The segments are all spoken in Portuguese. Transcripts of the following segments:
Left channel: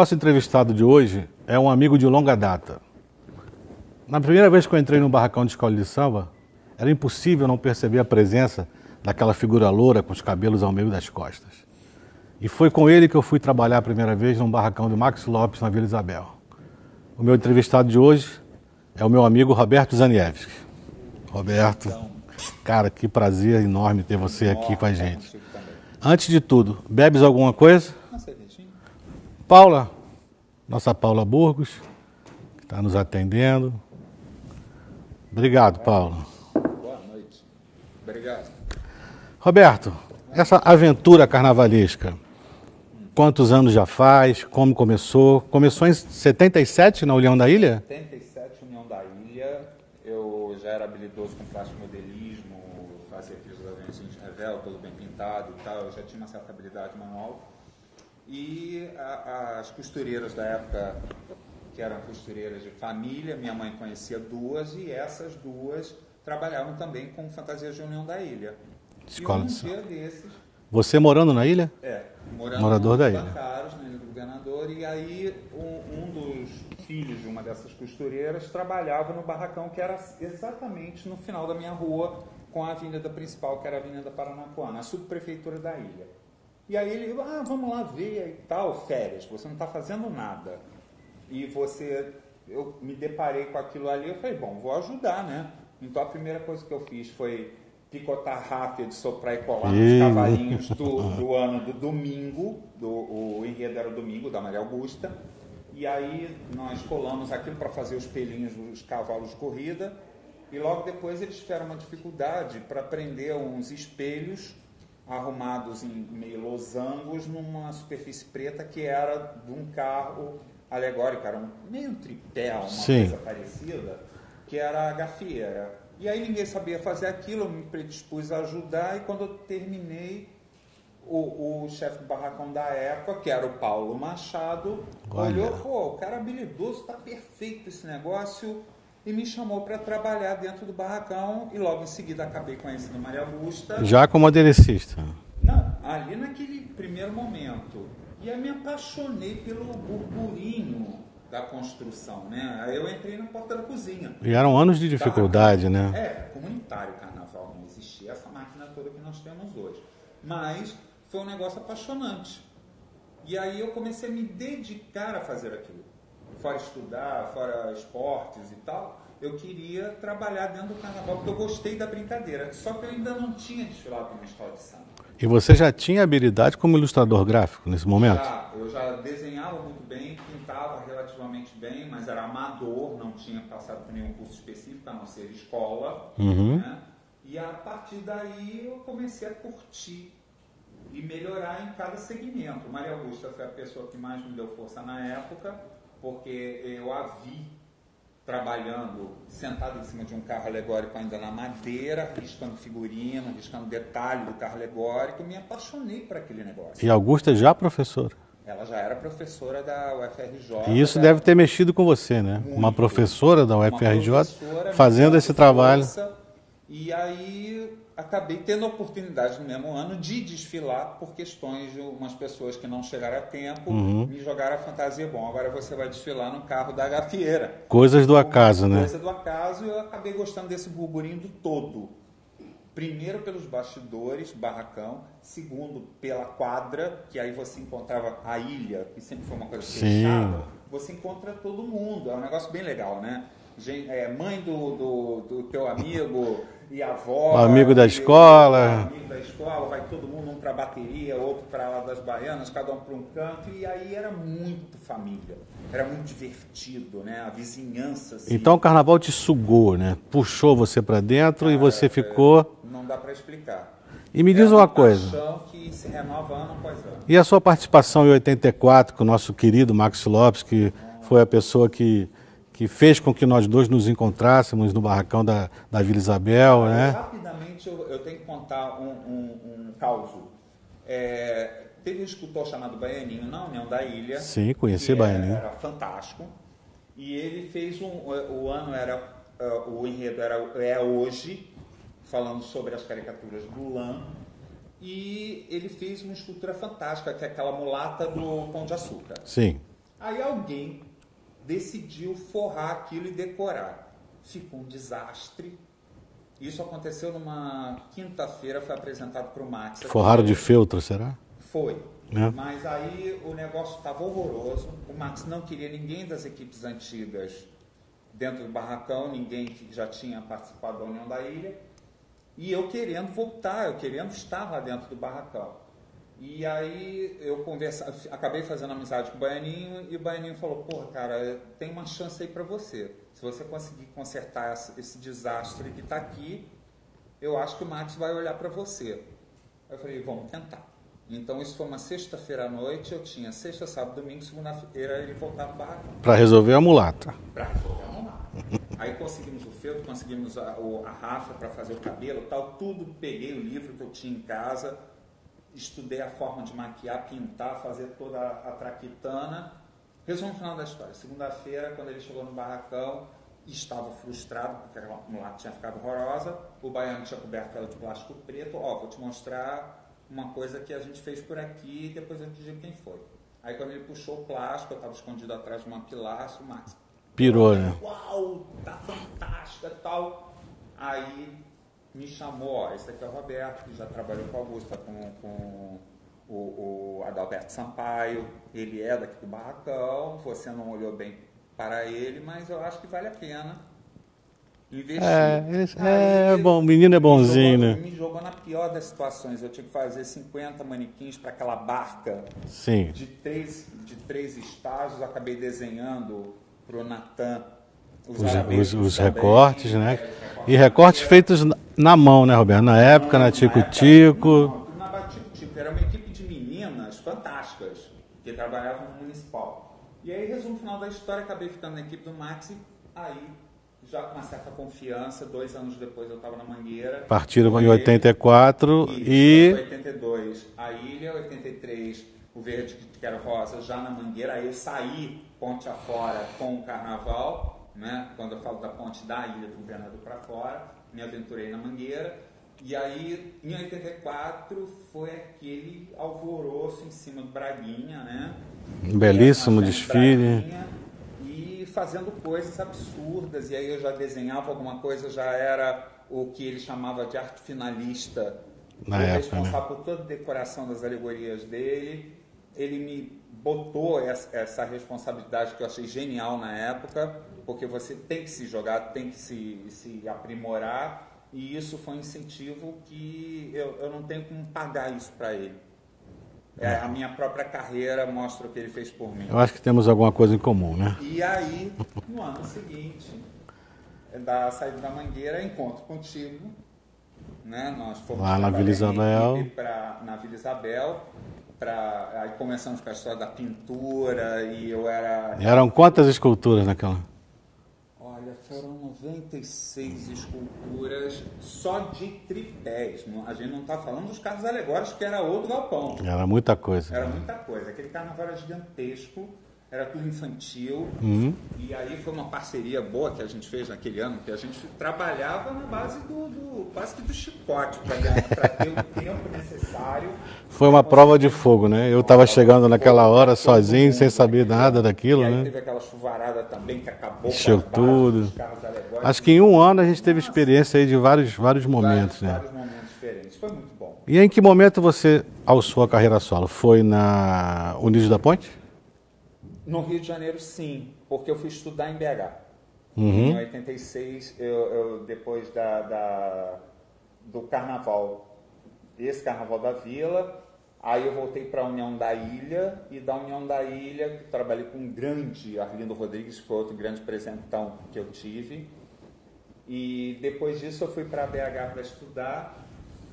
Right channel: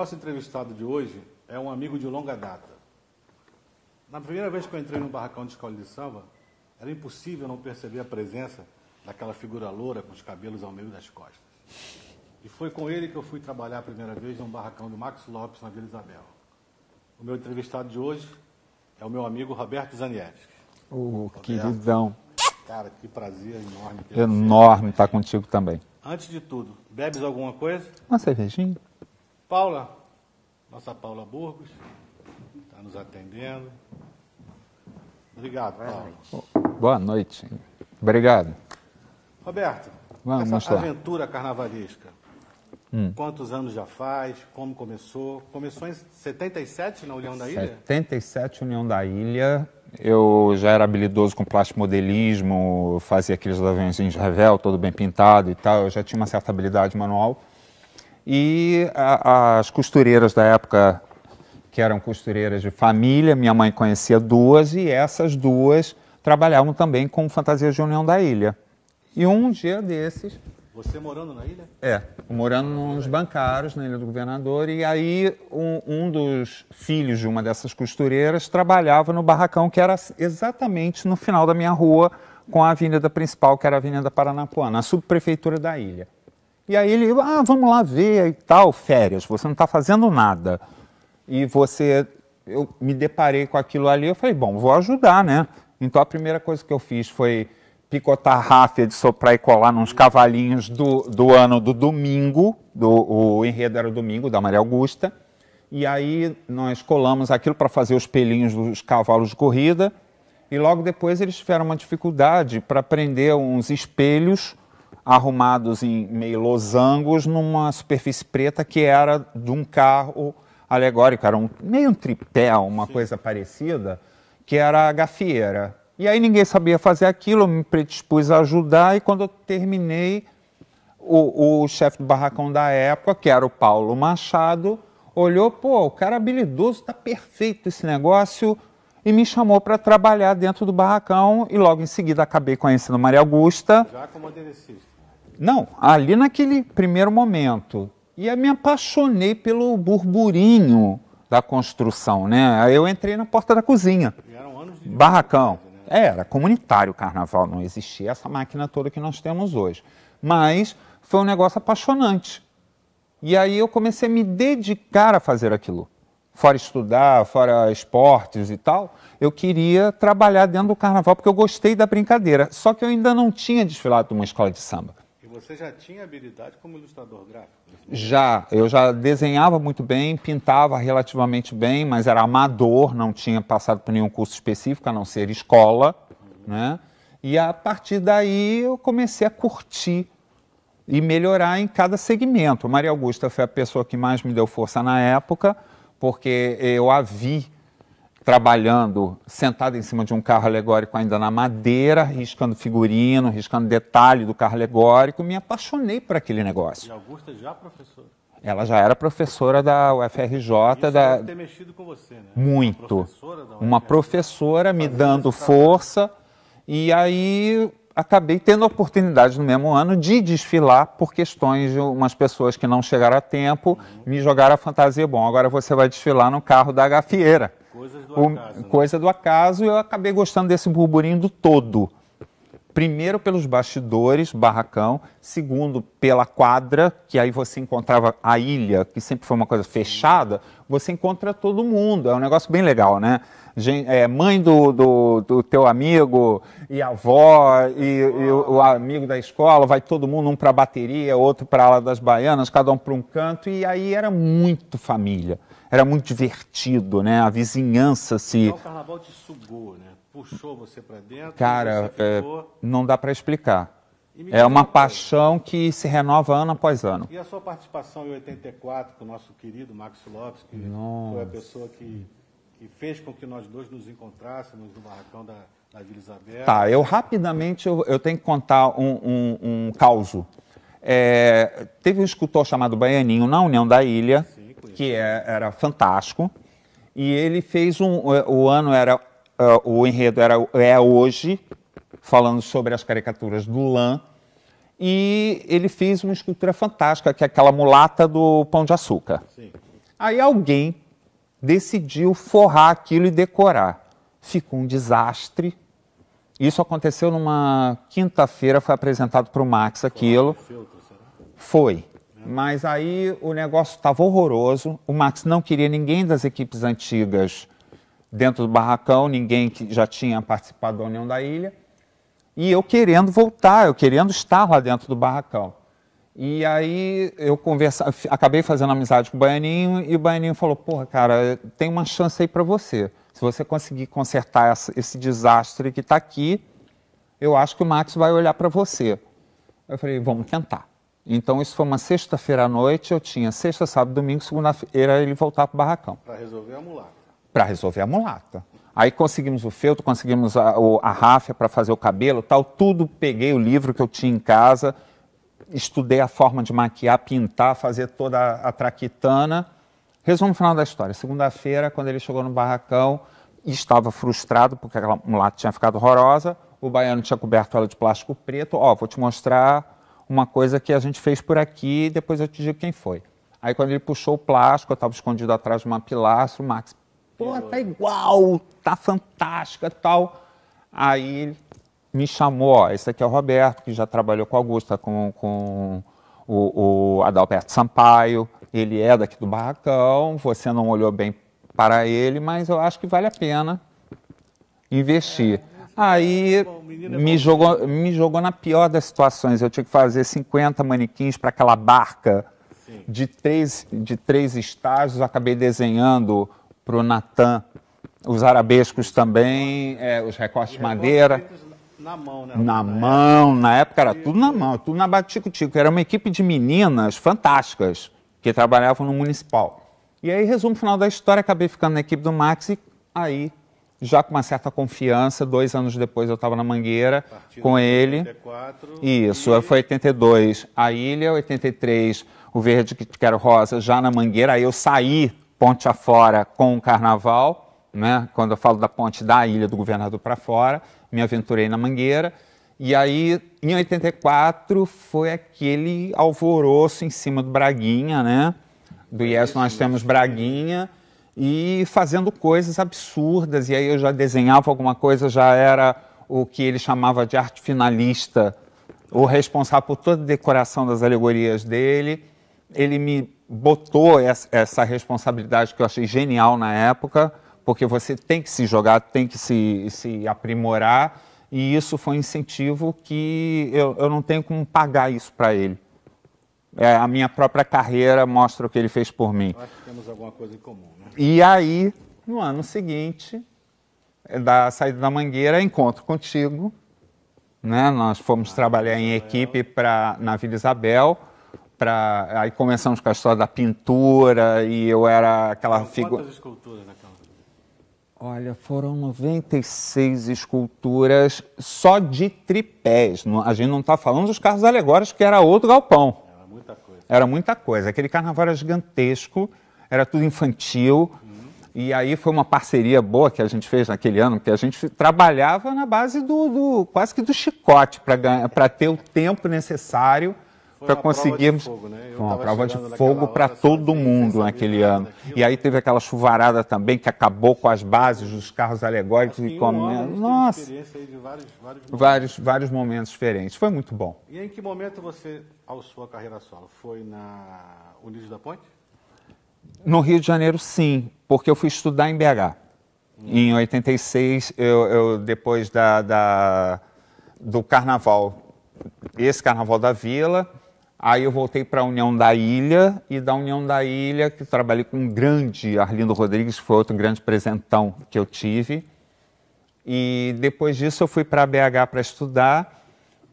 nosso entrevistado de hoje é um amigo de longa data. Na primeira vez que eu entrei no barracão de escola de samba, era impossível não perceber a presença daquela figura loura com os cabelos ao meio das costas. E foi com ele que eu fui trabalhar a primeira vez num barracão do Max Lopes, na Vila Isabel. O meu entrevistado de hoje é o meu amigo Roberto Zaniewski. Roberto, então, cara, que prazer enorme ter você aqui com a gente. Estar contigo também. Antes de tudo, bebes alguma coisa? Uma cervejinha? Paula, nossa Paula Burgos, que está nos atendendo. Obrigado, Paula. Boa noite. Obrigado. Roberto, Vamos essa lá. aventura carnavalesca, quantos anos já faz? Como começou? Começou em 77 na União da Ilha? 77, União da Ilha. Eu já era habilidoso com plastimodelismo, fazia aqueles aviãozinhos de revel, todo bem pintado e tal. Eu já tinha uma certa habilidade manual. E as costureiras da época, que eram costureiras de família, minha mãe conhecia duas, e essas duas trabalhavam também com fantasias de União da Ilha. E um dia desses... Você morando na ilha? Morando Morador da nos ilha. Bancários, na Ilha do Governador, e aí um dos filhos de uma dessas costureiras trabalhava no barracão, que era exatamente no final da minha rua, com a avenida principal, que era a Avenida Paranapuã, na subprefeitura da ilha. E aí ele, vamos lá ver e tal, férias, você não está fazendo nada. E eu me deparei com aquilo ali, eu falei, bom, vou ajudar, né? Então a primeira coisa que eu fiz foi picotar ráfia de soprar e colar nos cavalinhos do ano do domingo, o enredo era o domingo, da Maria Augusta, e aí nós colamos aquilo para fazer os pelinhos dos cavalos de corrida, e logo depois eles tiveram uma dificuldade para prender uns espelhos arrumados em meio losangos numa superfície preta que era de um carro alegórico, era meio um tripé, uma Sim. coisa parecida, que era a gafieira. E aí ninguém sabia fazer aquilo, eu me predispus a ajudar, e quando eu terminei, o chefe do barracão da época, que era o Paulo Machado, olhou, o cara habilidoso, tá perfeito esse negócio, e me chamou para trabalhar dentro do barracão, e logo em seguida acabei conhecendo Maria Augusta. Já como aderecista? Não, ali naquele primeiro momento. E aí me apaixonei pelo burburinho da construção, né? Aí eu entrei na porta da cozinha. E eram anos de dificuldade, Barracão. né? Era comunitário o carnaval, não existia essa máquina toda que nós temos hoje. Mas foi um negócio apaixonante. E aí eu comecei a me dedicar a fazer aquilo. Fora estudar, fora esportes e tal, eu queria trabalhar dentro do carnaval porque eu gostei da brincadeira. Só que eu ainda não tinha desfilado numa escola de samba. E você já tinha habilidade como ilustrador gráfico nesse momento? Eu já desenhava muito bem, pintava relativamente bem, mas era amador, não tinha passado por nenhum curso específico, a não ser escola, né? E a partir daí eu comecei a curtir e melhorar em cada segmento. Maria Augusta foi a pessoa que mais me deu força na época, porque eu a vi trabalhando, sentada em cima de um carro alegórico ainda na madeira, riscando figurino, riscando detalhe do carro alegórico, me apaixonei por aquele negócio. E Augusta já professora? Ela já era professora da UFRJ. E isso deve ter mexido com você, né? Muito. Uma professora da UFRJ Uma professora fazendo me dando esse trabalho. força. E aí acabei tendo a oportunidade no mesmo ano de desfilar por questões de umas pessoas que não chegaram a tempo, me jogaram a fantasia, bom, agora você vai desfilar no carro da gafieira. Coisas do acaso, né? Coisa do acaso, e eu acabei gostando desse burburinho do todo. Primeiro pelos bastidores, barracão. Segundo, pela quadra, que aí você encontrava a ilha, que sempre foi uma coisa fechada, você encontra todo mundo. É um negócio bem legal, né? Mãe do teu amigo e avó, O amigo da escola. o amigo da escola, vai todo mundo, um para a bateria, outro para a ala das baianas, cada um para um canto, e aí era muito família. Era muito divertido, né? A vizinhança se... Então o carnaval te sugou, né? Puxou você para dentro Cara, e você ficou... Não dá para explicar. E me diz É uma coisa. paixão que se renova ano após ano. E a sua participação em 84 com o nosso querido Max Lopes, que foi a pessoa que fez com que nós dois nos encontrássemos no barracão da Vila Isabel. Tá, né? eu rapidamente eu tenho que contar um causo. Teve um escultor chamado Baianinho na União da Ilha. Sim, conheci que Baianinho. era fantástico. E ele fez o enredo é hoje, falando sobre as caricaturas do Lã. E ele fez uma escultura fantástica, que é aquela mulata do Pão de Açúcar. Sim. Aí alguém decidiu forrar aquilo e decorar. Ficou um desastre. Isso aconteceu numa quinta-feira, foi apresentado para o Max aquilo. Forrado de feltro, será? Foi. É. Mas aí o negócio estava horroroso. O Max não queria ninguém das equipes antigas dentro do barracão, ninguém que já tinha participado da União da Ilha. E eu querendo voltar, eu querendo estar lá dentro do barracão. E aí eu acabei fazendo amizade com o Baianinho e o Baianinho falou, porra, cara, tem uma chance aí para você. Se você conseguir consertar esse desastre que está aqui, eu acho que o Max vai olhar para você. Eu falei, vamos tentar. Então, isso foi uma sexta-feira à noite, eu tinha sexta, sábado, domingo, segunda-feira ele voltar para o barracão. Para resolver a mulata. Para resolver a mulata. Aí conseguimos o feltro, conseguimos a ráfia para fazer o cabelo, tal, tudo. Peguei o livro que eu tinha em casa, estudei a forma de maquiar, pintar, fazer toda a traquitana. Resumo final da história. Segunda-feira, quando ele chegou no barracão, estava frustrado porque aquela mulata tinha ficado horrorosa, o baiano tinha coberto ela de plástico preto. Ó, vou te mostrar uma coisa que a gente fez por aqui, depois eu te digo quem foi. Aí quando ele puxou o plástico, eu estava escondido atrás de uma pilastra, o Max pirou, tá né? igual, tá fantástica e tal. Aí ele me chamou, ó, esse aqui é o Roberto, que já trabalhou com a Augusta, com o Adalberto Sampaio, ele é daqui do barracão, você não olhou bem para ele, mas eu acho que vale a pena investir. Aí bom, o menino é bonzinho, né? me jogou na pior das situações. Eu tinha que fazer 50 manequins para aquela barca. Sim. De três estágios. Acabei desenhando para o Natan os arabescos os também. Recortes, né? Os recortes e de recortes madeira. feitos na mão, né, Roberto? Na época, época era Tico-Tico. tudo na mão, tudo na Batico-Tico. Era uma equipe de meninas fantásticas que trabalhavam no municipal. E aí, resumo final da história, acabei ficando na equipe do Max e aí, já com uma certa confiança, 2 anos depois eu estava na Mangueira. Partiram com em ele. 84. Isso, foi 82 a Ilha, 83 o Verde que Quero Rosa, já na Mangueira. Aí eu saí ponte afora com o Carnaval, né? Quando eu falo da ponte da Ilha do Governador para fora, me aventurei na Mangueira. E aí, em 84, foi aquele alvoroço em cima do Braguinha, né? Belíssimo nós temos desfile. Braguinha e fazendo coisas absurdas. E aí eu já desenhava alguma coisa, já era o que ele chamava de arte finalista, o responsável por toda a decoração das alegorias dele. Ele me botou essa responsabilidade que eu achei genial na época, porque você tem que se jogar, tem que se aprimorar. E isso foi um incentivo que eu não tenho como pagar isso para ele. A minha própria carreira mostra o que ele fez por mim. Eu acho que temos alguma coisa em comum, né? E aí, no ano seguinte, da saída da Mangueira, encontro contigo. Né? Nós fomos Lá trabalhar na Vila em Isabel. equipe na Vila Isabel. Aí começamos com a história da pintura e eu era... Eram quantas esculturas naquela? Olha, foram 96 esculturas só de tripés. A gente não está falando dos carros alegóricos, que era outro galpão. Era muita coisa. Era muita coisa. Aquele carnaval era gigantesco, era tudo infantil. E aí foi uma parceria boa que a gente fez naquele ano, que a gente trabalhava na base quase que do chicote, para ter o tempo necessário. Foi uma prova de fogo, né? Eu estava chegando naquela hora sozinho, sem saber nada daquilo. E aí né? teve aquela chuvarada também que acabou com as bases dos carros alegóricos. Acho que em um ano a gente teve experiência aí de vários momentos. Vários momentos diferentes. Foi muito bom. E em que momento você alçou a carreira solo? Foi na Unidos da Ponte? No Rio de Janeiro, sim, porque eu fui estudar em BH. Em 86, depois do carnaval, esse carnaval da Vila, aí eu voltei para a União da Ilha, e da União da Ilha, que eu trabalhei com um grande Arlindo Rodrigues, que foi outro grande presentão que eu tive. E depois disso eu fui para a BH para estudar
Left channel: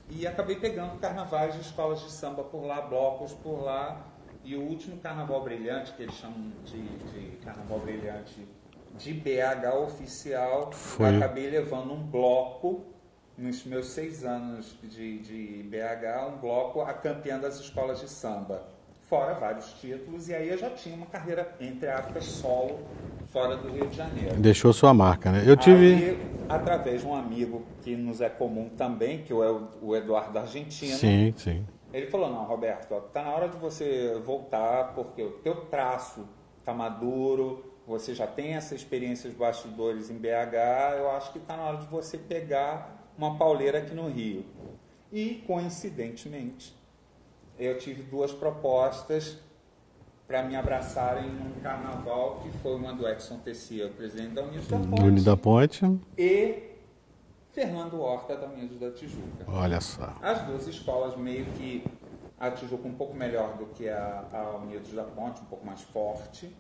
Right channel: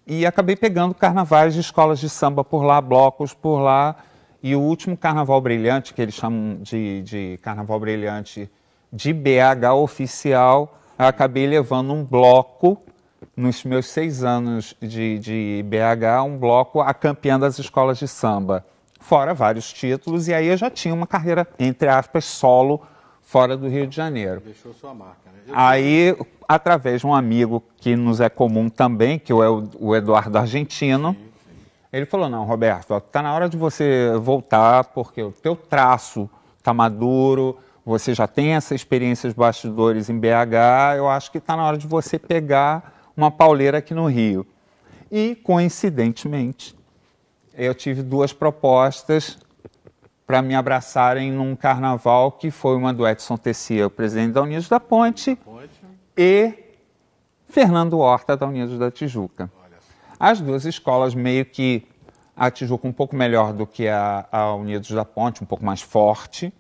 e acabei pegando carnavais de escolas de samba por lá, blocos por lá. E o último Carnaval Brilhante, que eles chamam de Carnaval Brilhante de BH oficial, eu acabei levando um bloco, nos meus 6 anos de BH, um bloco a campeã das escolas de samba. Fora vários títulos, e aí eu já tinha uma carreira, entre aspas, solo, fora do Rio de Janeiro. Deixou sua marca, né? Aí, através de um amigo que nos é comum também, que é o Eduardo Argentino, Sim, sim. ele falou, não, Roberto, está na hora de você voltar, porque o teu traço está maduro, você já tem essa experiência de bastidores em BH, eu acho que está na hora de você pegar uma pauleira aqui no Rio. E, coincidentemente, eu tive 2 propostas para me abraçarem num carnaval, que foi uma do Edson Tessia, o presidente da Unidos da Ponte, e Fernando Horta, da Unidos da Tijuca. Olha só. As 2 escolas meio que a Tijuca um pouco melhor do que a Unidos da Ponte, um pouco mais forte,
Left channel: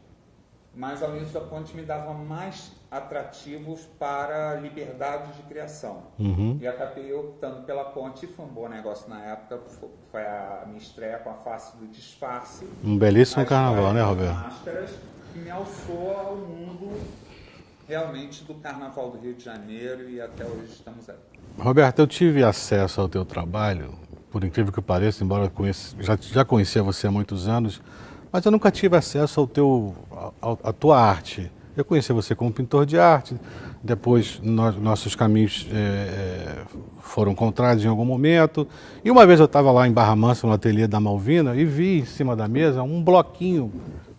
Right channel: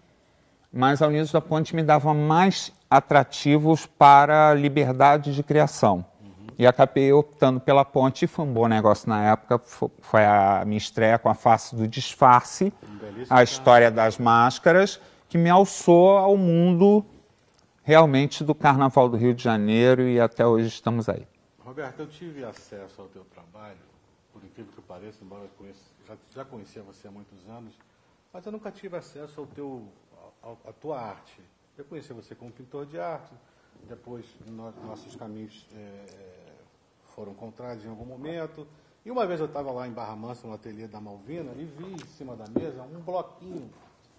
mas a Unidos da Ponte me dava mais atrativos para liberdade de criação. E acabei optando pela Ponte, e foi um bom negócio na época, foi a minha estreia com a Face do Disfarce, um belíssimo a história carnaval, das máscaras, que me alçou ao mundo realmente do Carnaval do Rio de Janeiro, e até hoje estamos aí. Roberto, eu tive acesso ao teu trabalho, por incrível que pareça, embora eu já conhecia você há muitos anos, mas eu nunca tive acesso à tua arte. Eu conheci você como pintor de arte, depois nossos caminhos foram contrários em algum momento, e uma vez eu estava lá em Barra Mansa, no ateliê da Malvina, e vi em cima da mesa um bloquinho,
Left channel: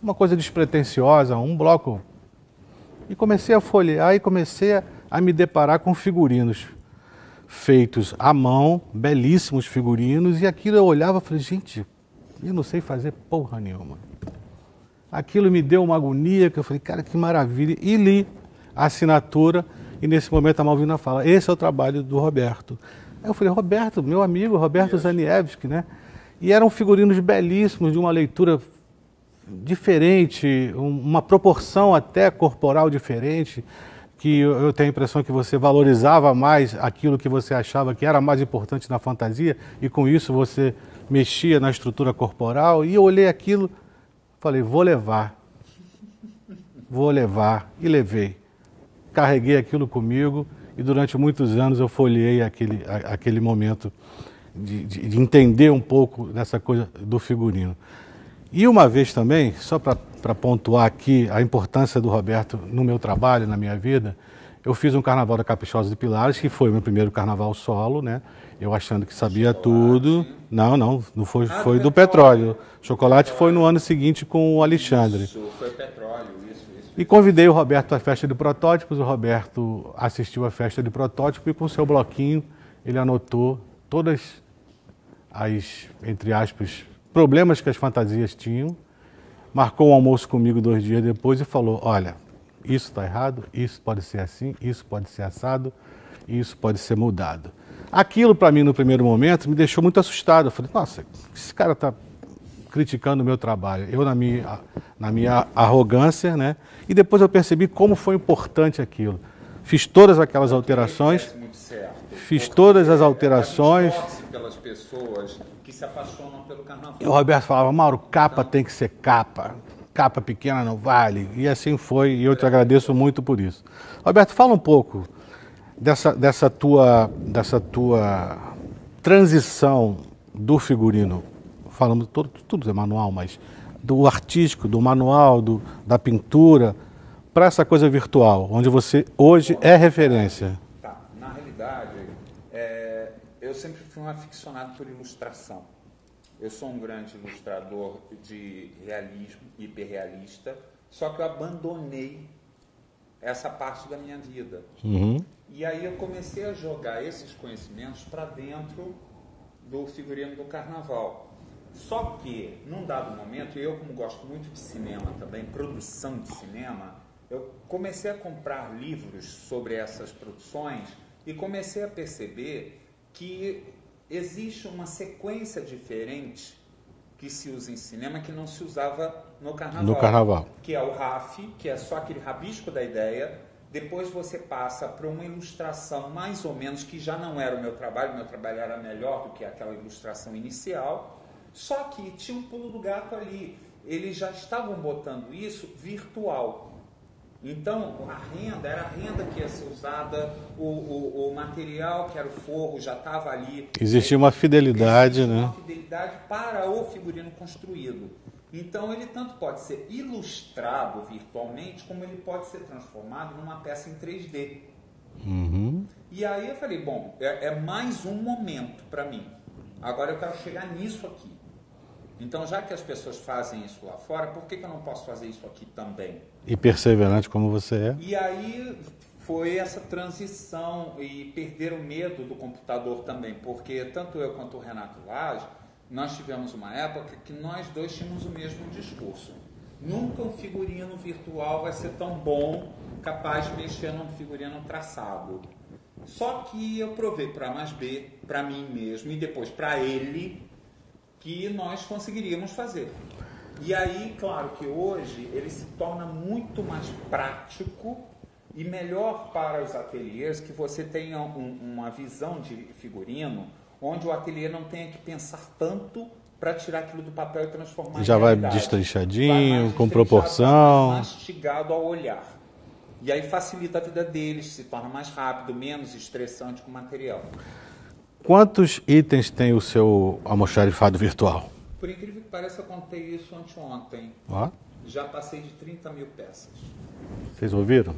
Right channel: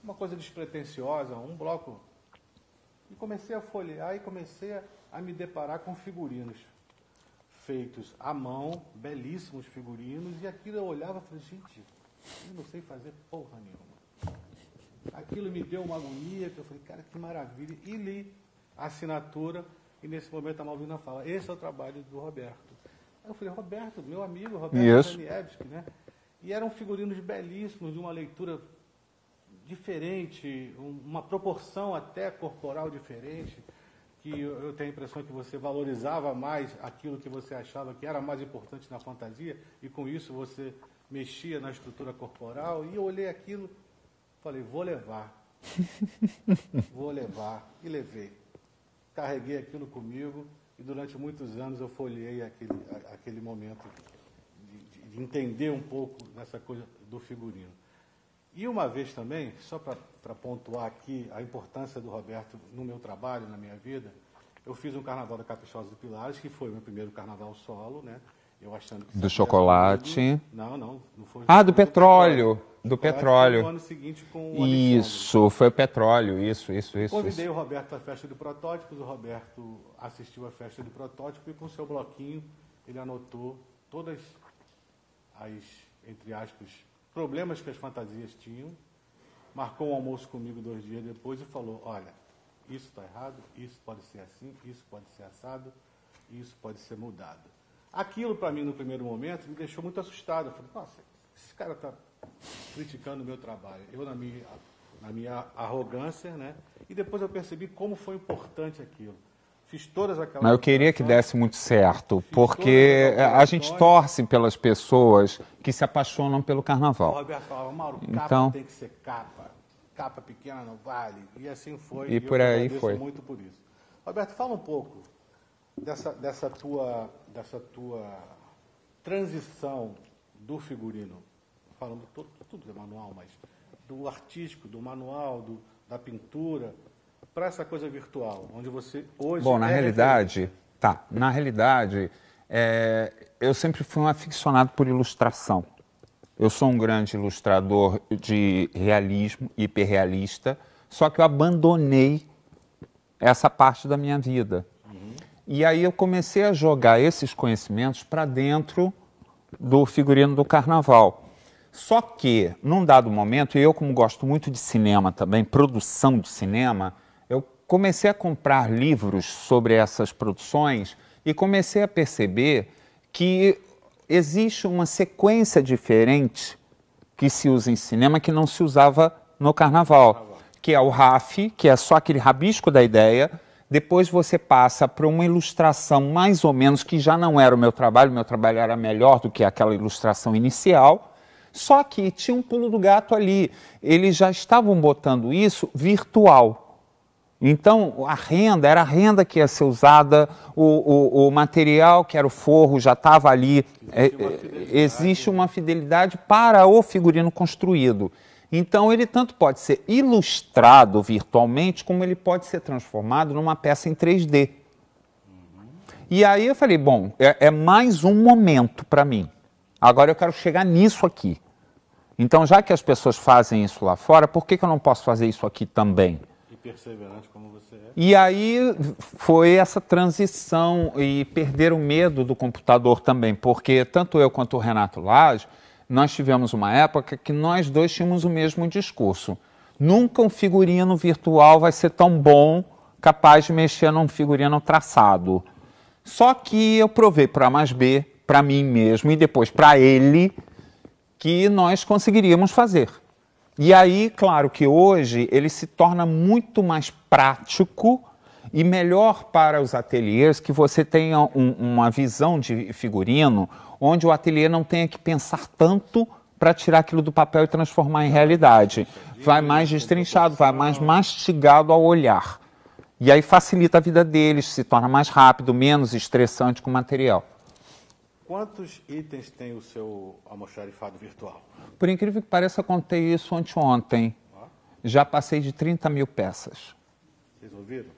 uma coisa despretensiosa, um bloco, e comecei a folhear e comecei a me deparar com figurinos feitos à mão, belíssimos figurinos, e aquilo eu olhava e falei, gente, eu não sei fazer porra nenhuma. Aquilo me deu uma agonia, que eu falei, cara, que maravilha, e li a assinatura, e nesse momento a Malvina fala, esse é o trabalho do Roberto. Aí eu falei, Roberto, meu amigo, Roberto Zaniewski, né? E eram figurinos belíssimos, de uma leitura diferente, uma proporção até corporal diferente, que eu tenho a impressão que você valorizava mais aquilo que você achava que era mais importante na fantasia, e com isso você mexia na estrutura corporal, e eu olhei aquilo, falei, vou levar, e levei. Carreguei aquilo comigo, e durante muitos anos eu folheei aquele momento de entender um pouco dessa coisa do figurino. E uma vez também, só para pontuar aqui a importância do Roberto no meu trabalho, na minha vida, eu fiz um Carnaval da Caprichosa de Pilares, que foi o meu primeiro carnaval solo, né? Eu achando que sabia tudo. Não foi, foi do petróleo. Chocolate foi no ano seguinte com o Alexandre. Isso, foi o petróleo, isso. E convidei o Roberto à festa de protótipos, o Roberto assistiu à festa de protótipo e com o seu bloquinho ele anotou todas as, entre aspas, problemas que as fantasias tinham, marcou um almoço comigo 2 dias depois e falou, olha, isso está errado, isso pode ser assim, isso pode ser assado, isso pode ser mudado. Aquilo, para mim, no primeiro momento, me deixou muito assustado. Eu falei, nossa, esse cara está criticando o meu trabalho. Eu, na minha arrogância, né? E depois eu percebi como foi importante aquilo. Fiz todas aquelas alterações. Eu queria que desse muito certo. Fiz todas as alterações. A gente torce pelas pessoas que se apaixonam pelo carnaval. O Roberto falava, Mauro, capa tem que ser capa. Capa pequena não vale. E assim foi, e eu te agradeço muito por isso. Roberto, fala um pouco dessa tua transição do figurino. Falamos, tudo é manual, mas do artístico, do manual, da pintura, para essa coisa virtual, onde você hoje é referência. Tá, na realidade, eu sempre fui um aficionado por ilustração. Eu sou um grande ilustrador de realismo, hiperrealista, só que eu abandonei essa parte da minha vida. E aí eu comecei a jogar esses conhecimentos para dentro do figurino do carnaval. Só que, num dado momento, e eu como gosto muito de cinema também, produção de cinema, eu comecei a comprar livros sobre essas produções e comecei a perceber que existe uma sequência diferente que se usa em cinema que não se usava no carnaval. Que é o RAF, que é só aquele rabisco da ideia. Depois você passa para uma ilustração mais ou menos, que já não era o meu trabalho era melhor do que aquela ilustração inicial, só que tinha um pulo do gato ali. Eles já estavam botando isso virtual. Então, era a renda que ia ser usada, o material que era o forro já estava ali. Existe uma fidelidade. Existe uma fidelidade para o figurino construído. Então, ele tanto pode ser ilustrado virtualmente, como ele pode ser transformado numa peça em 3D. E aí eu falei, bom, é mais um momento para mim. Agora eu quero chegar nisso aqui. Então, já que as pessoas fazem isso lá fora, por que eu não posso fazer isso aqui também? E perseverante como você é. E aí foi essa transição e perder o medo do computador também, porque tanto eu quanto o Renato Lage, nós tivemos uma época que nós dois tínhamos o mesmo discurso. Nunca um figurino virtual vai ser tão bom, capaz de mexer num figurino traçado. Só que eu provei para A mais B, para mim mesmo e depois para ele, que nós conseguiríamos fazer. E aí, claro que hoje ele se torna muito mais prático e melhor para os ateliês que você tenha uma visão de figurino onde o ateliê não tenha que pensar tanto para tirar aquilo do papel e transformar em realidade. Vai mais destrinchado, vai mais mastigado ao olhar. E aí facilita a vida deles, se torna mais rápido, menos estressante com o material. Quantos itens tem o seu almoxarifado virtual? Por incrível que pareça, eu contei isso anteontem. Ó. Já passei de 30 mil peças. Vocês ouviram?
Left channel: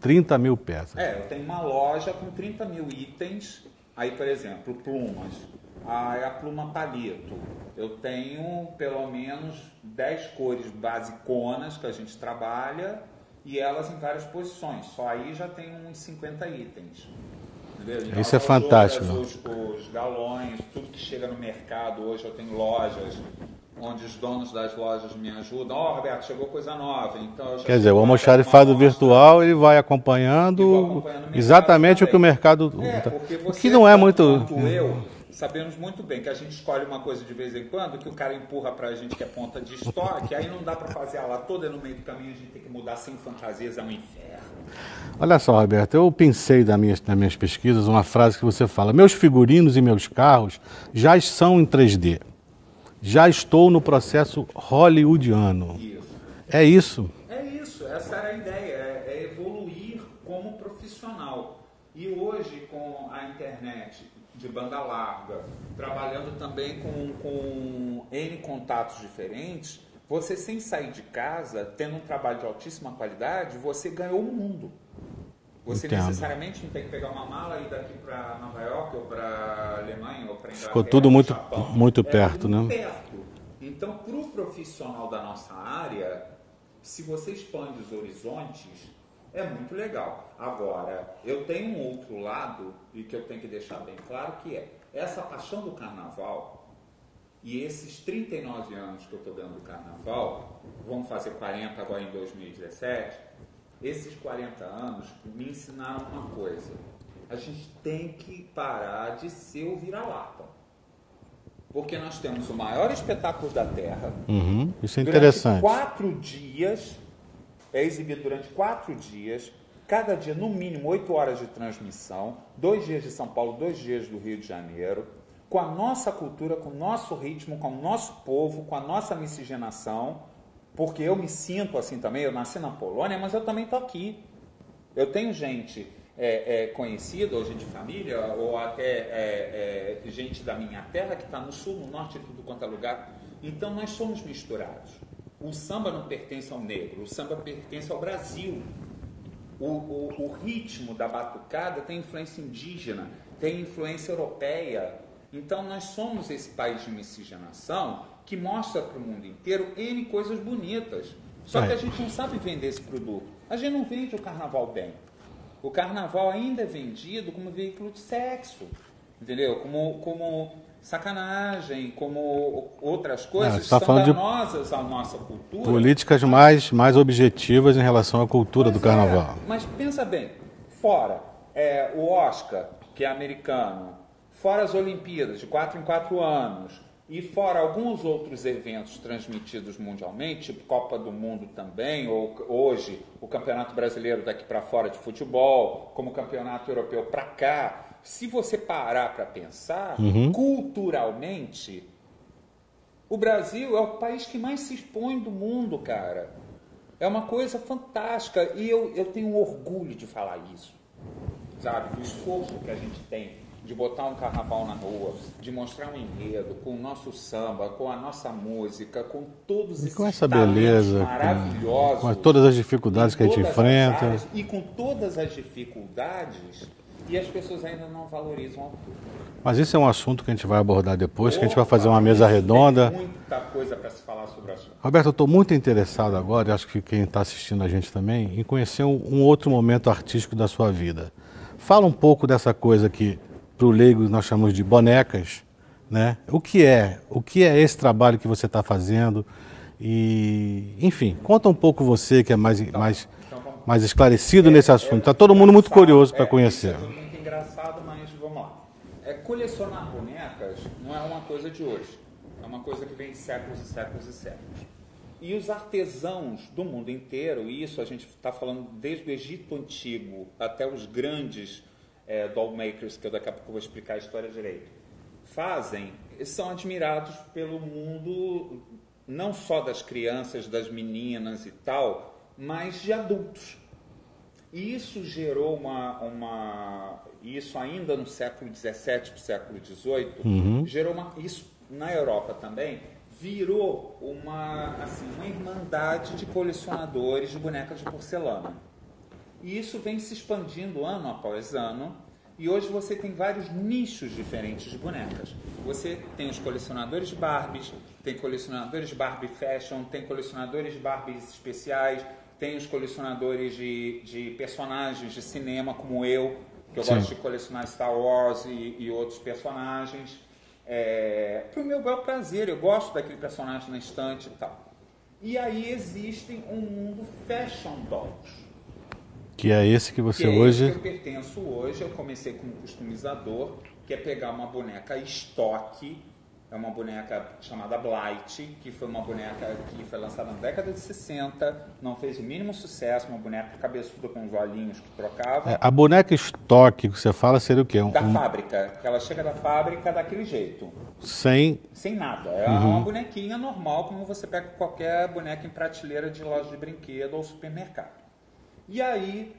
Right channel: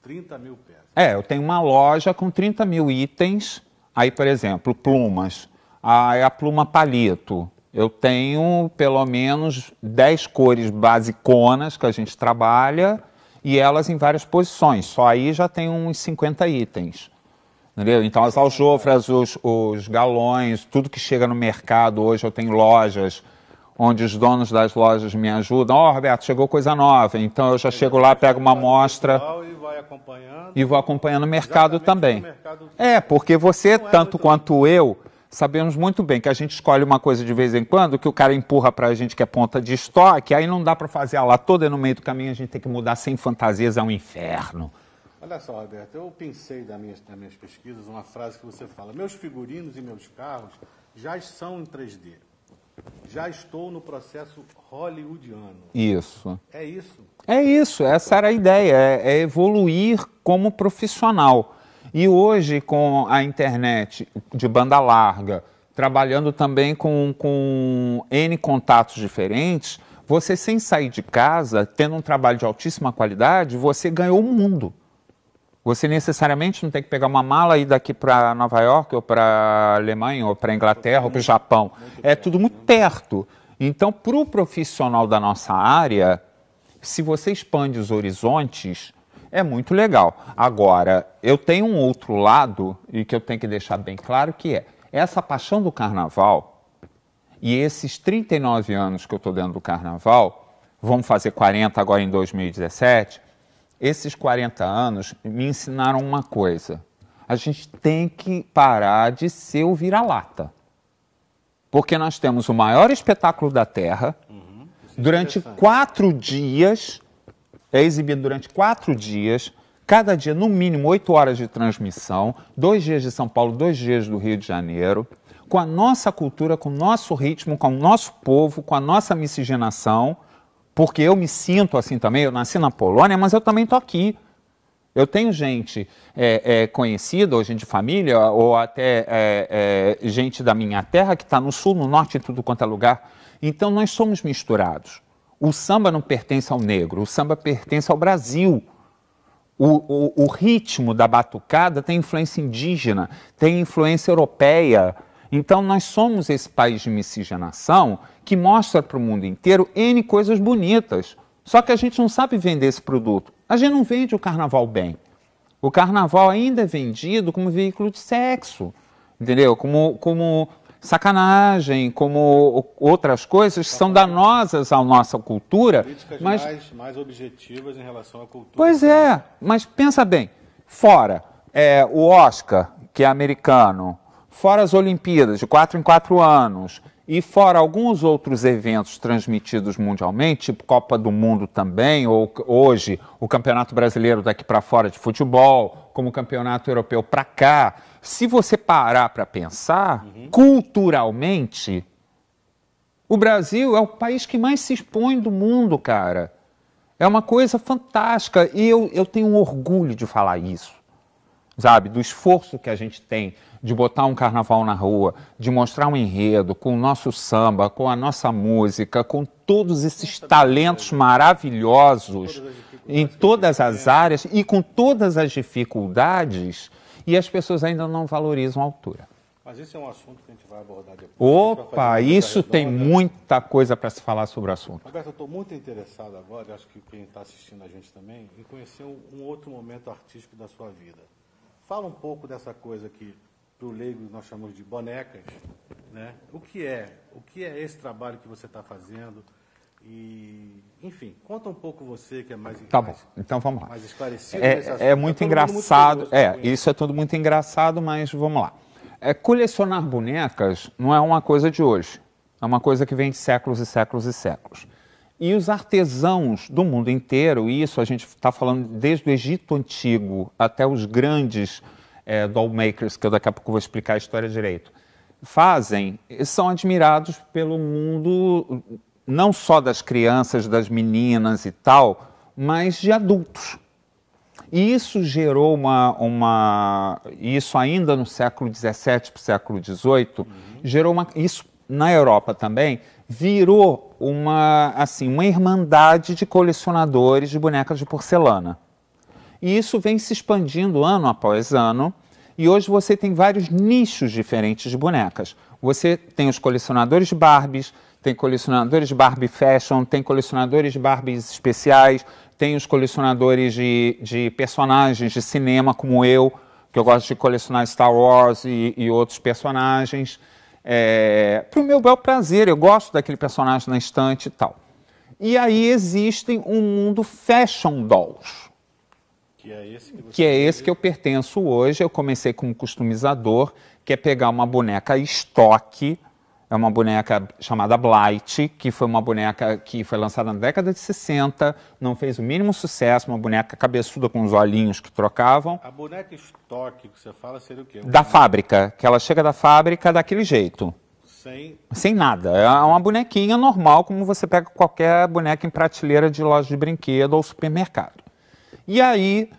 30 mil peças. Eu tenho uma loja com 30 mil itens. Aí, por exemplo, plumas. A pluma palito. Eu tenho pelo menos 10 cores basiconas que a gente trabalha e elas em várias posições. Só aí já tem uns 50 itens. Entendeu? Então, as aljofras, os galões, tudo que chega no mercado. Hoje eu tenho lojas onde os donos das lojas me ajudam. Roberto, chegou coisa nova. Então, eu já chego lá, pego uma amostra. Virtual, ele vai acompanhando. E vou acompanhando o mercado exatamente também. O que o mercado... porque você, tanto quanto eu, sabemos muito bem que a gente escolhe uma coisa de vez em quando, que o cara empurra pra gente que é ponta de estoque, aí não dá para fazer ela toda e no meio do caminho a gente tem que mudar sem fantasias, é um inferno. Olha só, Roberto, eu pensei nas minhas pesquisas uma frase que você fala: meus figurinos e meus carros já são em 3D. Já estou no processo hollywoodiano. Isso. É isso? É isso, essa era a ideia, é evoluir como profissional. E hoje, com a internet de banda larga, trabalhando também com N contatos diferentes, você, sem sair de casa, tendo um trabalho de altíssima qualidade, você ganhou o mundo. Você necessariamente não tem que pegar uma mala e ir daqui para Nova York, ou para a Alemanha, ou para a Inglaterra, ou para o Japão. Muito perto, tudo muito perto. Então, para o profissional da nossa área, se você expande os horizontes, é muito legal. Agora, eu tenho um outro lado, e que eu tenho que deixar bem claro, que é essa paixão do carnaval, e esses 39 anos que eu estou dentro do carnaval, vamos fazer 40 agora em 2017... Esses 40 anos me ensinaram uma coisa. A gente tem que parar de ser o vira-lata. Porque nós temos o maior espetáculo da Terra. Isso é durante 4 dias, é exibido durante 4 dias, cada dia no mínimo 8 horas de transmissão, 2 dias de São Paulo, 2 dias do Rio de Janeiro, com a nossa cultura, com o nosso ritmo, com o nosso povo, com a nossa miscigenação. Porque eu me sinto assim também, eu nasci na Polônia, mas eu também estou aqui. Eu tenho gente conhecida, ou gente de família, ou até gente da minha terra que está no sul, no norte, em tudo quanto é lugar. Então, nós somos misturados. O samba não pertence ao negro, o samba pertence ao Brasil. O ritmo da batucada tem influência indígena, tem influência europeia. Então, nós somos esse país de miscigenação que mostra para o mundo inteiro N coisas bonitas. Só que a gente não sabe vender esse produto. A gente não vende o carnaval bem. O carnaval ainda é vendido como veículo de sexo, entendeu? Como sacanagem, como outras coisas que são danosas à nossa cultura. Políticas mais objetivas em relação à cultura do carnaval. Mas pensa bem, fora o Oscar, que é americano, fora as Olimpíadas, de 4 em 4 anos, e fora alguns outros eventos transmitidos mundialmente, tipo Copa do Mundo também, ou hoje o Campeonato Brasileiro daqui para fora de futebol, como o Campeonato Europeu para cá. Se você parar para pensar, culturalmente, o Brasil é o país que mais se expõe do mundo, cara. É uma coisa fantástica e eu tenho orgulho de falar isso, sabe? Do esforço que a gente tem de botar um carnaval na rua, de mostrar um enredo com o nosso samba, com a nossa música, com todos esses talentos maravilhosos. Com todas as dificuldades que a gente enfrenta. Em todas as áreas e com todas as dificuldades, e as pessoas ainda não valorizam a altura. Mas isso é um assunto que a gente vai abordar depois, que a gente vai fazer uma mesa redonda. Tem muita coisa para se falar sobre o assunto. Roberto, eu estou muito interessado agora, e acho que quem está assistindo a gente também, em conhecer um outro momento artístico da sua vida. Fala um pouco dessa coisa que, para o leigo, nós chamamos de bonecas, né? O que é esse trabalho que você está fazendo? E, enfim, conta um pouco você, que é mais esclarecido nesse assunto. Está todo mundo muito curioso para conhecer. Isso é tudo muito engraçado, mas vamos lá. Colecionar bonecas não é uma coisa de hoje. É uma coisa que vem de séculos e séculos e séculos. E os artesãos do mundo inteiro, e isso a gente está falando desde o Egito Antigo até os grandes doll makers, que eu daqui a pouco vou explicar a história direito, são admirados pelo mundo, não só das crianças, das meninas e tal, mas de adultos. E isso gerou isso ainda no século XVII para o século XVIII, isso na Europa também, virou uma irmandade de colecionadores de bonecas de porcelana. E isso vem se expandindo ano após ano, e hoje você tem vários nichos diferentes de bonecas. Você tem os colecionadores de Barbies, tem colecionadores de Barbie Fashion, tem colecionadores de Barbies especiais, tem os colecionadores de personagens de cinema, como eu, que eu gosto de colecionar Star Wars e outros personagens. Para o meu bel prazer, eu gosto daquele personagem na estante e tal. E aí existem um mundo fashion dolls. Que é esse que você esse que eu pertenço hoje. Eu comecei como customizador, que é pegar uma boneca estoque. É uma boneca chamada Blight, que foi uma boneca que foi lançada na década de 60, não fez o mínimo sucesso, uma boneca cabeçuda com os olhinhos que trocavam. A boneca estoque que você fala seria o quê? Da fábrica, que ela chega da fábrica daquele jeito. Sem nada. É uma bonequinha normal, como você pega qualquer boneca em prateleira de loja de brinquedo ou supermercado. E aí,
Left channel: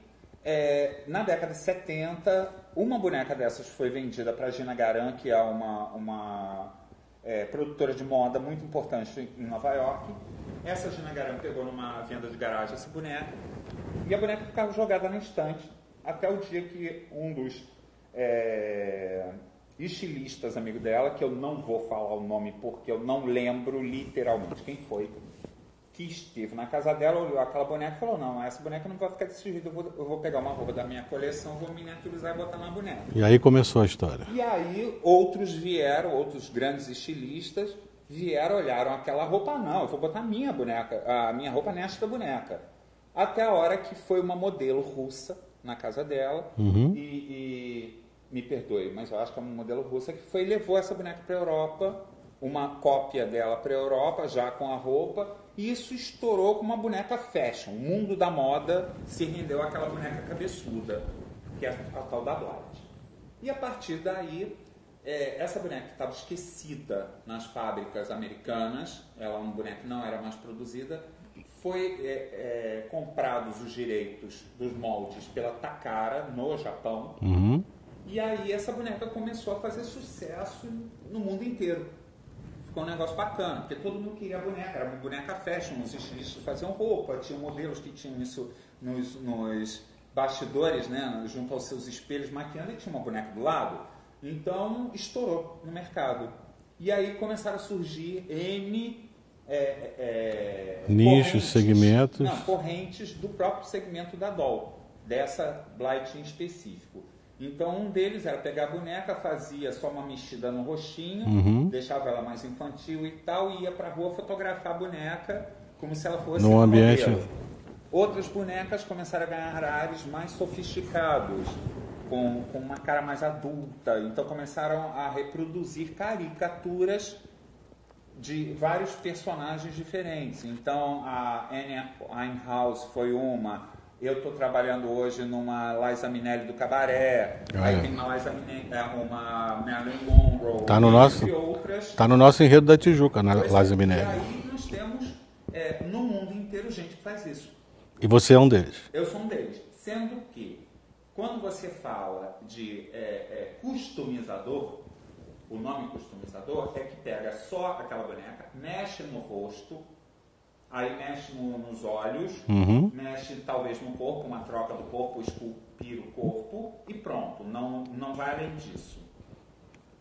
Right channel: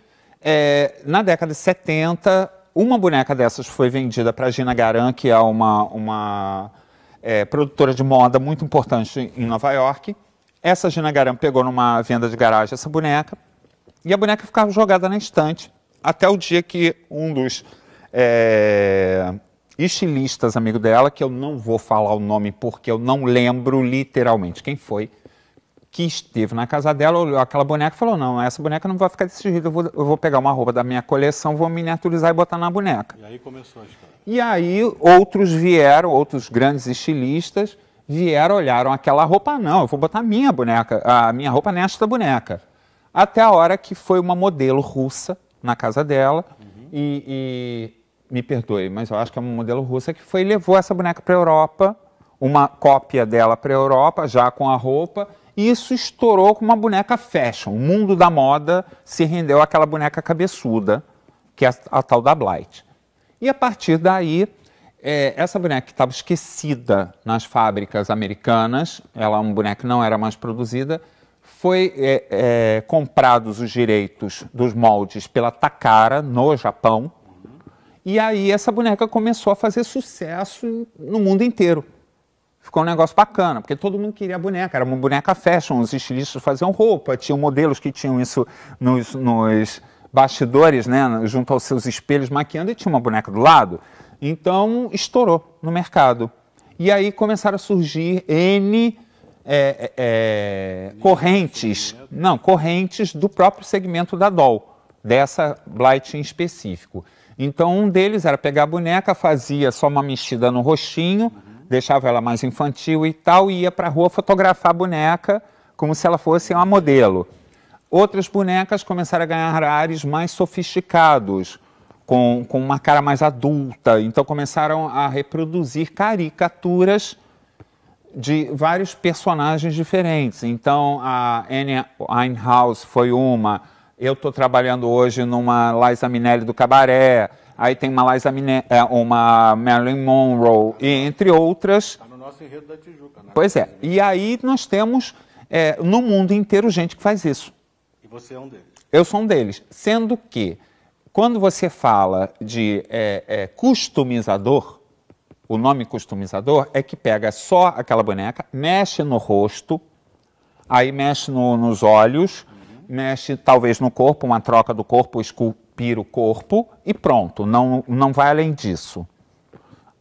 na década de 70, uma boneca dessas foi vendida para a Gina Garan, que é uma produtora de moda muito importante em Nova York. Essa Gina Garan pegou numa venda de garagem essa boneca e a boneca ficava jogada na estante até o dia que um dos estilistas amigo dela, que eu não vou falar o nome porque eu não lembro literalmente quem foi, que esteve na casa dela, olhou aquela boneca e falou, não, essa boneca não vai ficar desse jeito, eu vou pegar uma roupa da minha coleção, vou miniaturizar e botar na boneca. E aí começou a história. E aí outros grandes estilistas vieram, olharam aquela roupa, não, eu vou botar a minha roupa nesta boneca. Até a hora que foi uma modelo russa na casa dela, e me perdoe, mas eu acho que é uma modelo russa que levou essa boneca para a Europa, uma cópia dela para a Europa, já com a roupa. E isso estourou com uma boneca fashion. O mundo da moda se rendeu àquela boneca cabeçuda, que é a tal da Blight. E a partir daí, essa boneca que estava esquecida nas fábricas americanas, uma boneca que não era mais produzida, foi comprados os direitos dos moldes pela Takara, no Japão. E aí essa boneca começou a fazer sucesso no mundo inteiro. Ficou um negócio bacana, porque todo mundo queria a boneca. Era uma boneca fashion, os estilistas faziam roupa, tinham modelos que tinham isso nos bastidores, né, junto aos seus espelhos maquiando, e tinha uma boneca do lado. Então, estourou no mercado. E aí começaram a surgir correntes do próprio segmento da doll, dessa Blight em específico. Então, um deles era pegar a boneca, fazia só uma mexida no rostinho, deixava ela mais infantil e tal, e ia para a rua fotografar a boneca como se ela fosse uma modelo. Outras bonecas começaram a ganhar ares mais sofisticados, com uma cara mais adulta. Então, começaram a reproduzir caricaturas de vários personagens diferentes. Então, a Amy Winehouse foi uma. Eu estou trabalhando hoje numa Liza Minnelli do Cabaré, aí tem uma uma Marilyn Monroe, entre outras. Está no nosso enredo da Tijuca, né? Pois Liza Minnelli. E aí nós temos no mundo inteiro gente que faz isso. E você é um deles? Eu sou um deles. Sendo que, quando você fala de customizador, o nome customizador é que pega só aquela boneca, mexe no rosto, aí mexe nos olhos, mexe talvez no corpo, uma troca do corpo, esculpir o corpo e pronto, não vai além disso.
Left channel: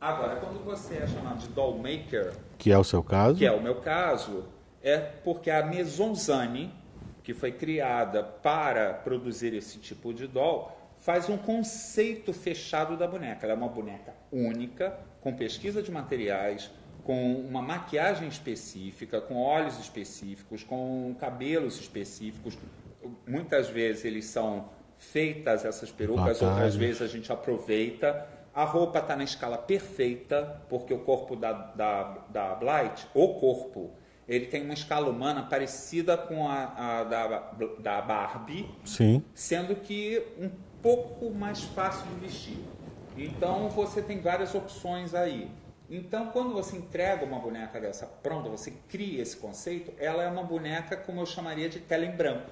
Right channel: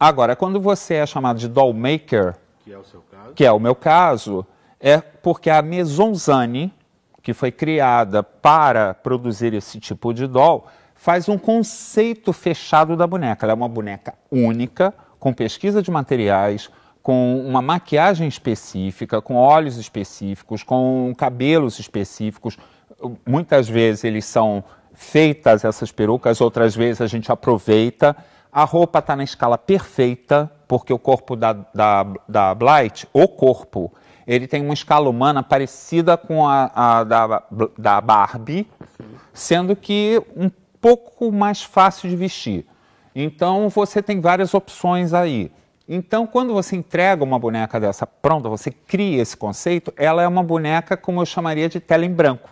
Agora, quando você é chamado de doll maker, Que é o seu caso. que é o meu caso, é porque a Maison Zane, que foi criada para produzir esse tipo de doll, faz um conceito fechado da boneca. Ela é uma boneca única, com pesquisa de materiais, com uma maquiagem específica, com olhos específicos, com cabelos específicos. Muitas vezes eles são feitas, essas perucas, outras vezes a gente aproveita. A roupa está na escala perfeita, porque o corpo da Blight, o corpo, ele tem uma escala humana parecida com a da Barbie, Sim. sendo que um pouco mais fácil de vestir. Então, você tem várias opções aí. Então, quando você entrega uma boneca dessa pronta, você cria esse conceito, ela é uma boneca, como eu chamaria, de tela em branco.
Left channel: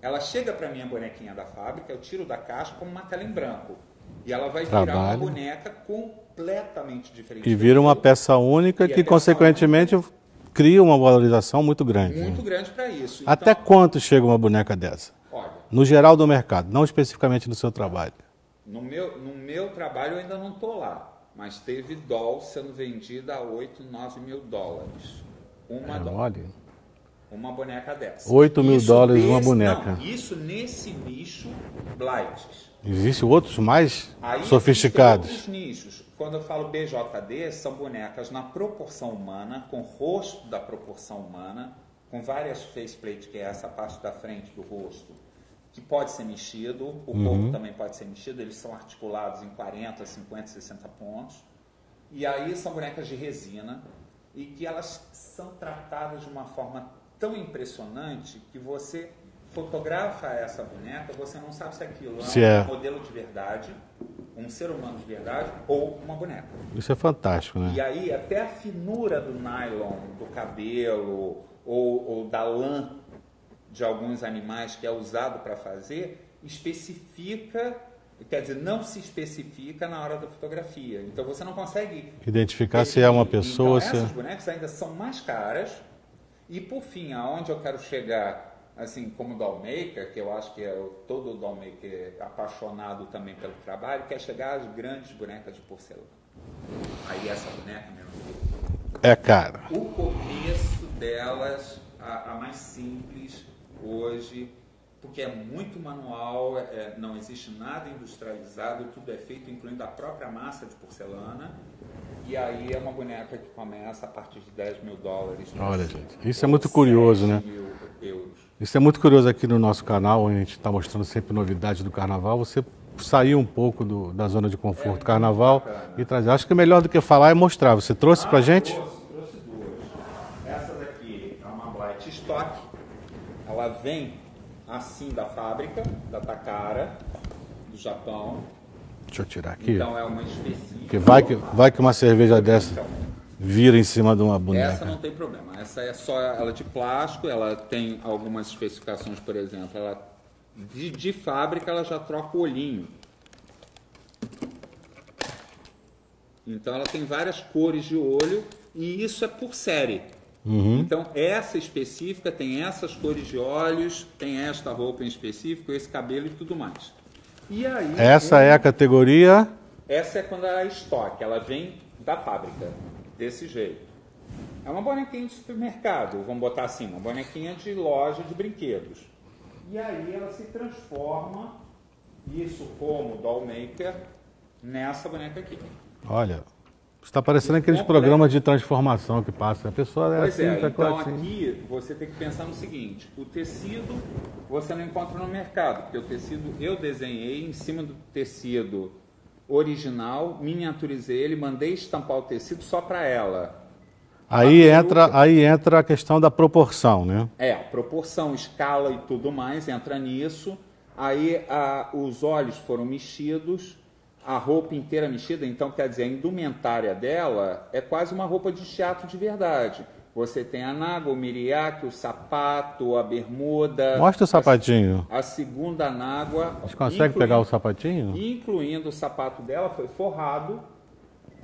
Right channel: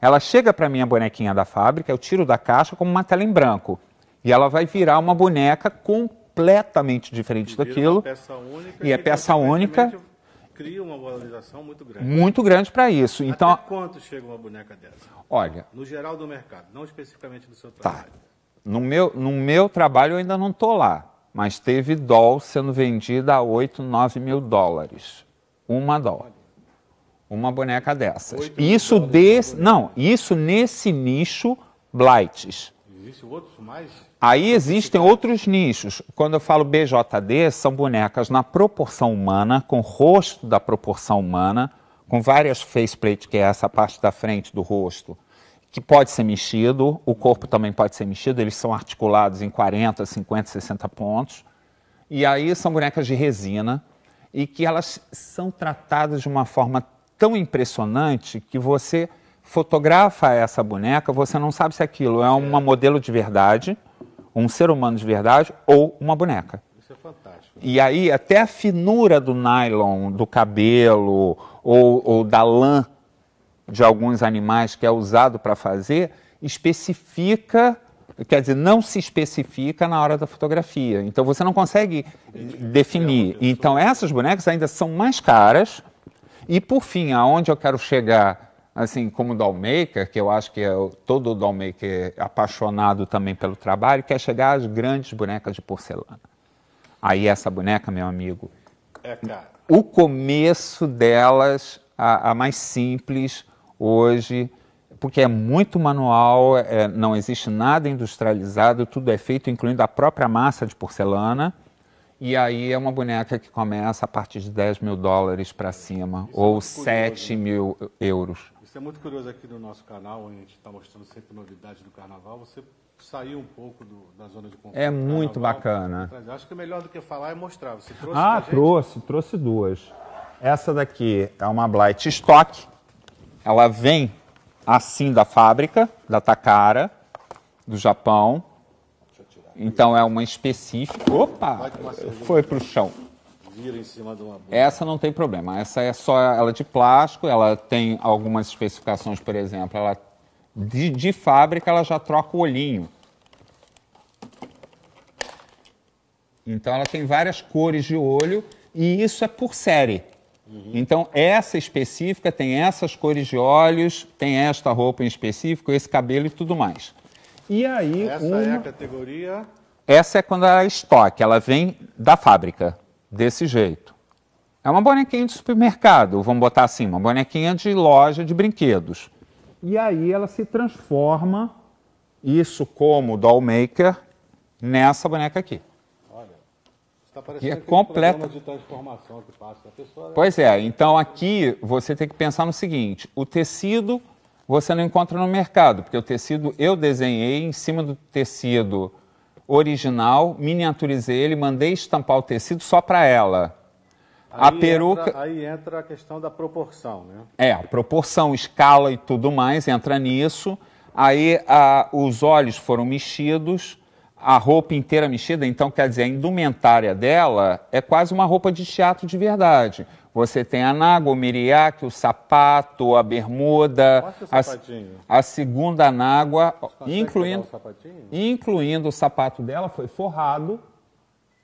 Ela chega para mim, a bonequinha da fábrica, eu tiro da caixa como uma tela em branco. E ela vai virar uma boneca completamente diferente daquilo. E vira uma peça única que, consequentemente, cria uma valorização muito grande. Muito grande para isso. Então, até quanto chega uma boneca dessa? Olha... No geral do mercado, não especificamente no seu trabalho. No meu trabalho eu ainda não estou lá, mas teve doll sendo vendida a 8, 9 mil dólares. Uma doll. Uma boneca dessa. 8 mil dólares uma boneca. Não, isso nesse nicho Blights. Existem outros mais Aí sofisticados? Existem outros nichos. Quando eu falo BJD, são bonecas na proporção humana, com rosto da proporção humana, com várias faceplates, que é essa parte da frente do rosto, que pode ser mexido, o corpo também pode ser mexido, eles são articulados em 40, 50, 60 pontos. E aí são bonecas de resina e que elas são tratadas de uma forma tão impressionante que você fotografa essa boneca, você não sabe se aquilo é uma modelo de verdade, um ser humano de verdade ou uma boneca. Isso é fantástico, né? E aí até a finura do nylon, do cabelo ou da lã de alguns animais que é usado para fazer, especifica, quer dizer, não se especifica na hora da fotografia. Então você não consegue identificar definir. Se é uma pessoa, então essas bonecas ainda são mais caras. E por fim, aonde eu quero chegar, assim, como dollmaker, que eu acho que todo dollmaker apaixonado também pelo trabalho, quer chegar às grandes bonecas de porcelana. Aí essa boneca, meu amigo, é cara. O começo delas, a mais simples hoje, porque é muito manual, não existe nada industrializado, tudo é feito, incluindo a própria massa de porcelana. E aí é uma boneca que começa a partir de 10 mil dólares para cima. Isso é muito curioso, 7 mil euros. Isso é muito curioso aqui no nosso canal, onde a gente está mostrando sempre novidades do carnaval. Você saiu um pouco da zona de conforto do carnaval e trazer. Acho que melhor do que falar é mostrar. Você trouxe para a gente? Trouxe duas. Essa daqui é uma Blight Stock. Ela vem assim da fábrica, da Takara, do Japão. Deixa eu tirar aqui. Então é uma específica. Vai que uma cerveja dessa vira em cima de uma boneca. Essa não tem problema. Essa é só ela de plástico. Ela tem algumas especificações, por exemplo, ela de fábrica ela já troca o olhinho. Então ela tem várias cores de olho e isso é por série. Então essa específica tem essas cores de olhos, tem esta roupa em específico, esse cabelo e tudo mais. E aí, essa é a categoria? Essa é quando ela é estoque, ela vem da fábrica, desse jeito. É uma bonequinha de supermercado, vamos botar assim, uma bonequinha de loja de brinquedos. E aí ela se transforma, isso como dollmaker, nessa boneca aqui. Olha, está parecendo aqueles programas de transformação que passa. A pessoa pois é, então aqui você tem que pensar no seguinte, o tecido você não encontra no mercado, porque o tecido eu desenhei em cima do tecido original, miniaturizei ele, mandei estampar o tecido só para ela. Aí entra a questão da proporção, né? Proporção, escala e tudo mais, entra nisso. Aí os olhos foram mexidos, a roupa inteira mexida, então quer dizer, a indumentária dela é quase uma roupa de teatro de verdade. Você tem a nágua, o miriaque, o sapato, a bermuda. Mostra o sapatinho. A segunda nágua. Você consegue pegar o sapatinho? Incluindo o sapato dela, foi forrado.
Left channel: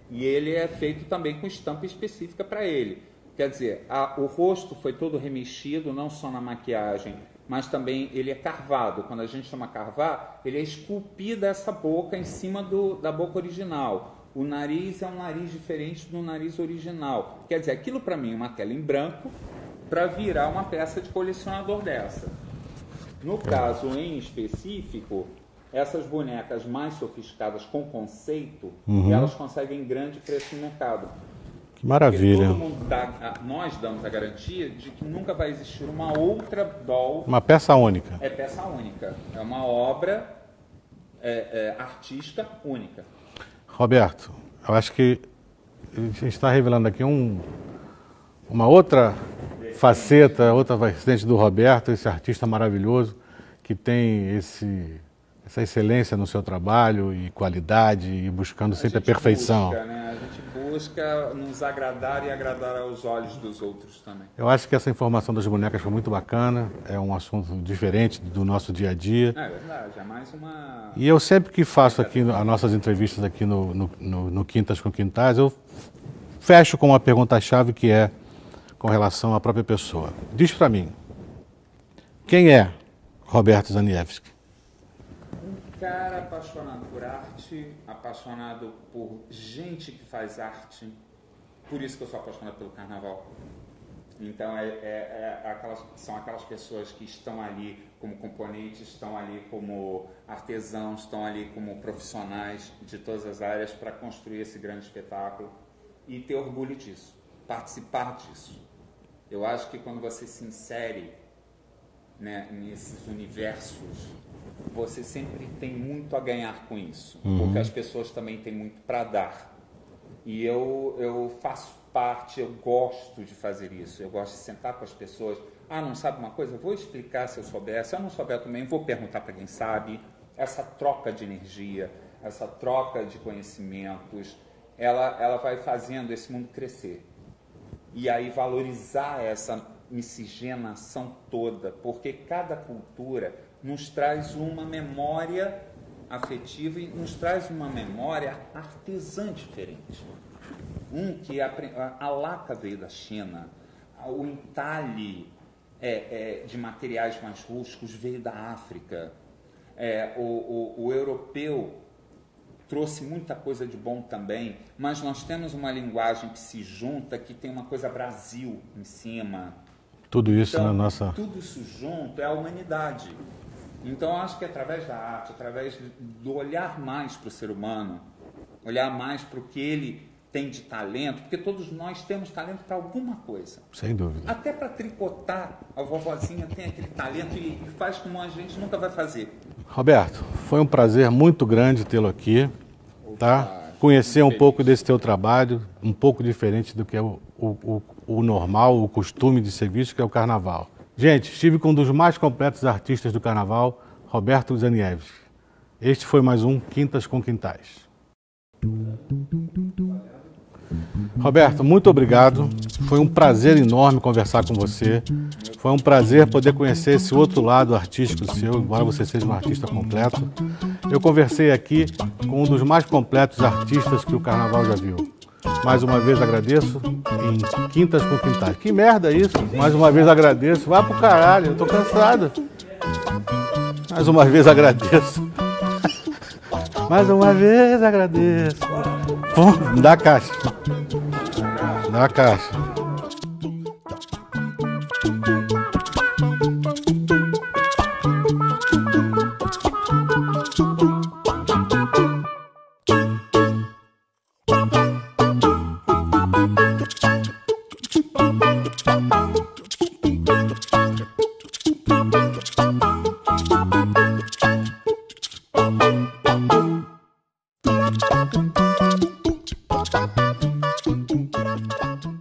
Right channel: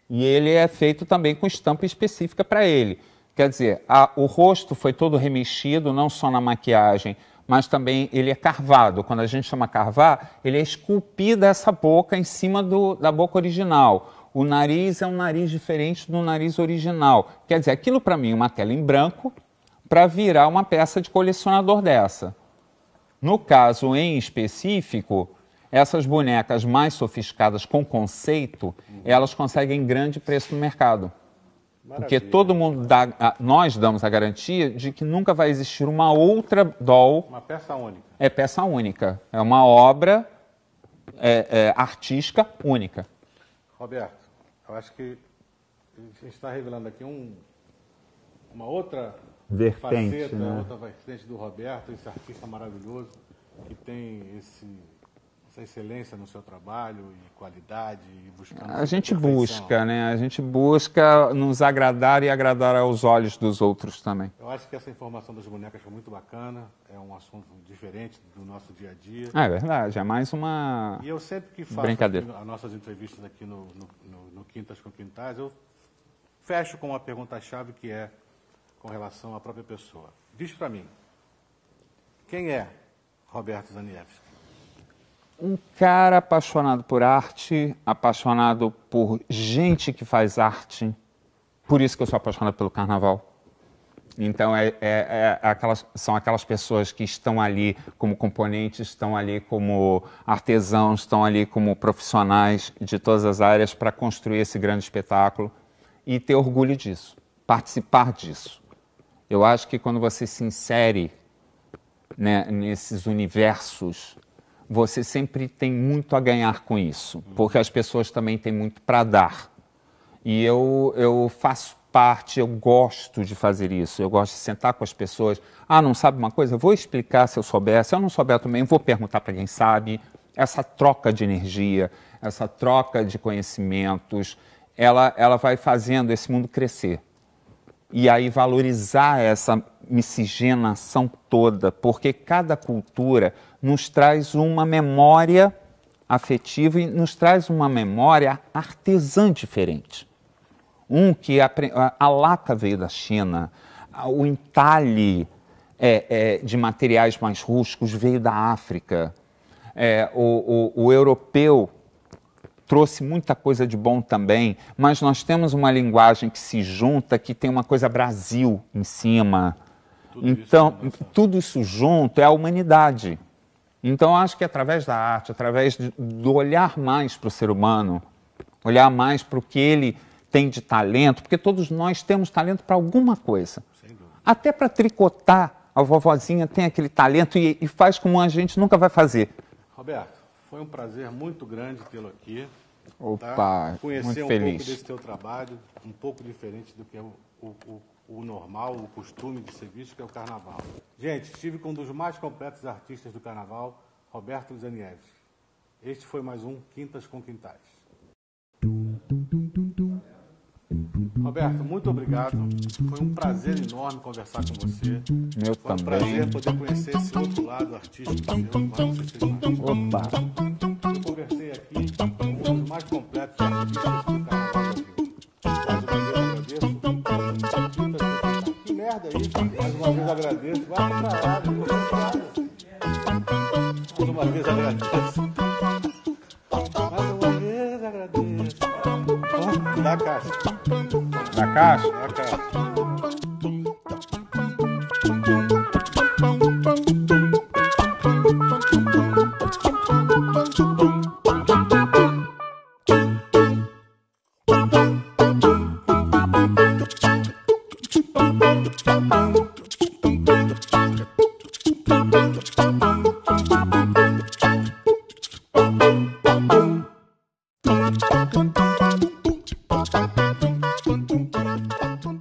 E ele é feito também com estampa específica para ele. Quer dizer, o rosto foi todo remexido, não só na maquiagem, mas também ele é carvado. Quando a gente chama carvar, ele é esculpida essa boca em cima da boca original. O nariz é um nariz diferente do nariz original. Quer dizer, aquilo para mim é uma tela em branco para virar uma peça de colecionador dessa. No caso em específico, essas bonecas mais sofisticadas com conceito, elas conseguem grande preço no mercado. Que maravilha. Porque todo mundo nós damos a garantia de que nunca vai existir uma outra doll. Uma peça única. É peça única. É uma obra artística única. Roberto, eu acho que a gente está revelando aqui uma outra faceta, né? outra vertente do Roberto, esse artista maravilhoso que tem essa excelência no seu trabalho e qualidade e buscando sempre a perfeição. A gente busca nos agradar e agradar aos olhos dos outros também. Eu acho que essa informação das bonecas foi muito bacana, é um assunto diferente do nosso dia a dia. É verdade, é mais uma... E eu sempre que faço aqui as nossas entrevistas aqui no Quintas com Quintais, eu fecho com uma pergunta-chave que é com relação à própria pessoa. Diz para mim, quem é Roberto Zaniewski? Um cara apaixonado por arte, apaixonado por gente que faz arte. Por isso que eu sou apaixonado pelo carnaval. Então, são aquelas pessoas que estão ali como componentes, estão ali como artesãos, estão ali como profissionais de todas as áreas para construir esse grande espetáculo e ter orgulho disso, participar disso. Eu acho que quando você se insere, né, nesses universos, você sempre tem muito a ganhar com isso, porque as pessoas também têm muito para dar. E eu faço parte, eu gosto de fazer isso, eu gosto de sentar com as pessoas. Ah, não sabe uma coisa? Eu vou explicar se eu souber, se eu não souber também, vou perguntar para quem sabe. Essa troca de energia, essa troca de conhecimentos, ela vai fazendo esse mundo crescer. E aí valorizar essa miscigenação toda, porque cada cultura nos traz uma memória afetiva e nos traz uma memória artesã diferente. Que a laca veio da China, o entalhe de materiais mais rústicos veio da África, o europeu trouxe muita coisa de bom também, mas nós temos uma linguagem que se junta, que tem uma coisa Brasil em cima. Tudo isso na nossa... Tudo isso junto é a humanidade. Então, eu acho que através da arte, através do olhar mais para o ser humano, olhar mais para o que ele tem de talento, porque todos nós temos talento para alguma coisa. Sem dúvida. Até para tricotar, a vovozinha tem aquele talento e faz como a gente nunca vai fazer. Roberto, foi um prazer muito grande tê-lo aqui. Tá? Conhecer um pouco desse teu trabalho, um pouco diferente do que é o normal, o costume de ser visto, que é o carnaval. Gente, estive com um dos mais completos artistas do carnaval, Roberto Zaniewski. Este foi mais um Quintas com Quintais. Roberto, muito obrigado. Foi um prazer enorme conversar com você. Foi um prazer poder conhecer esse outro lado artístico seu, embora você seja um artista completo. Eu conversei aqui com um dos mais completos artistas que o carnaval já viu. Mais uma vez agradeço em Quintas com Quintais. Que merda isso? Mais uma vez agradeço. Vai pro caralho, eu tô cansado. Mais uma vez agradeço. Mais uma vez agradeço. Pum, dá a caixa. Da caixa? Dá a caixa. Thank you.